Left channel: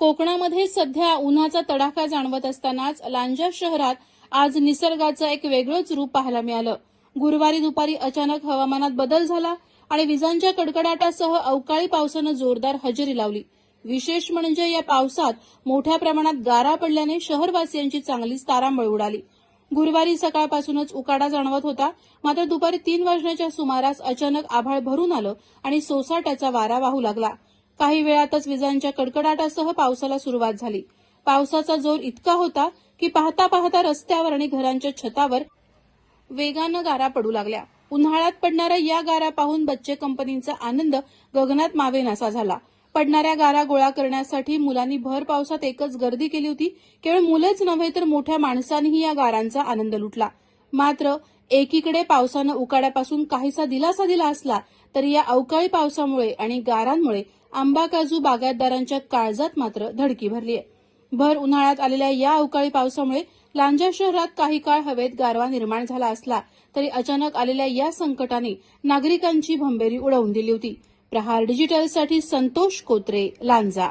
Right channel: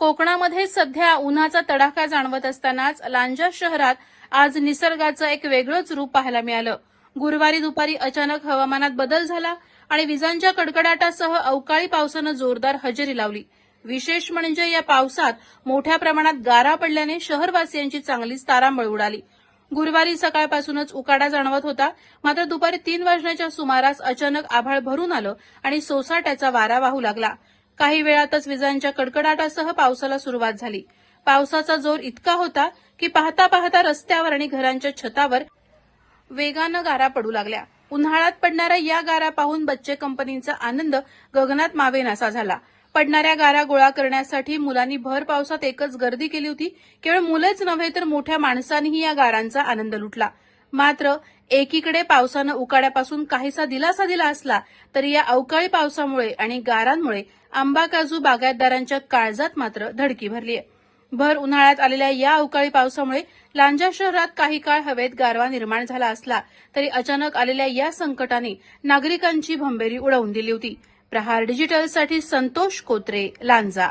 कोकणामध्ये सध्या उन्हाचा तडाखा जाणवत असतानाच लांजा शहरात आज निसर्गाचं एक वेगळंच रूप पाहायला मिळालं. गुरुवारी दुपारी अचानक हवामानात बदल झाला आणि विजांच्या कडकडाटासह अवकाळी पावसानं जोरदार हजेरी लावली. विशेष म्हणजे या पावसात मोठ्या प्रमाणात गारा पडल्याने शहरवासियांची चांगलीच तारांबळ उडाली. गुरुवारी सकाळपासूनच उकाडा जाणवत होता, मात्र दुपारी 3 वाजण्याच्या सुमारास अचानक आभाळ भरून आलं आणि सोसाट्याचा वारा वाहू लागला. काही वेळातच विजांच्या कडकडाटासह पावसाला सुरुवात झाली. पावसाचा जोर इतका होता की पाहता पाहता रस्त्यावर आणि घरांच्या छतावर वेगानं गारा पडू लागल्या. उन्हाळ्यात पडणाऱ्या या गारा पाहून बच्चे कंपनीचा आनंद गगनात मावेनासा झाला. पडणाऱ्या गारा गोळा करण्यासाठी मुलांनी भर पावसात एकच गर्दी केली होती. केवळ मुलेच नव्हे तर मोठ्या माणसांनीही या गारांचा आनंद लुटला. मात्र एकीकडे पावसानं उकाड्यापासून काहीसा दिलासा दिला असला तरी या अवकाळी पावसामुळे आणि गारांमुळे आंबा काजू बागायतदारांच्या काळजात मात्र धडकी भरली आहे. भर उन्हाळ्यात आलेल्या या अवकाळी पावसामुळे लांजा शहरात काही काळ हवेत गारवा निर्माण झाला असला तरी अचानक आलेल्या या संकटाने नागरिकांची भंबेरी उडवून दिली होती. प्रहार डिजिटलसाठी संतोष कोत्रे, लांजा.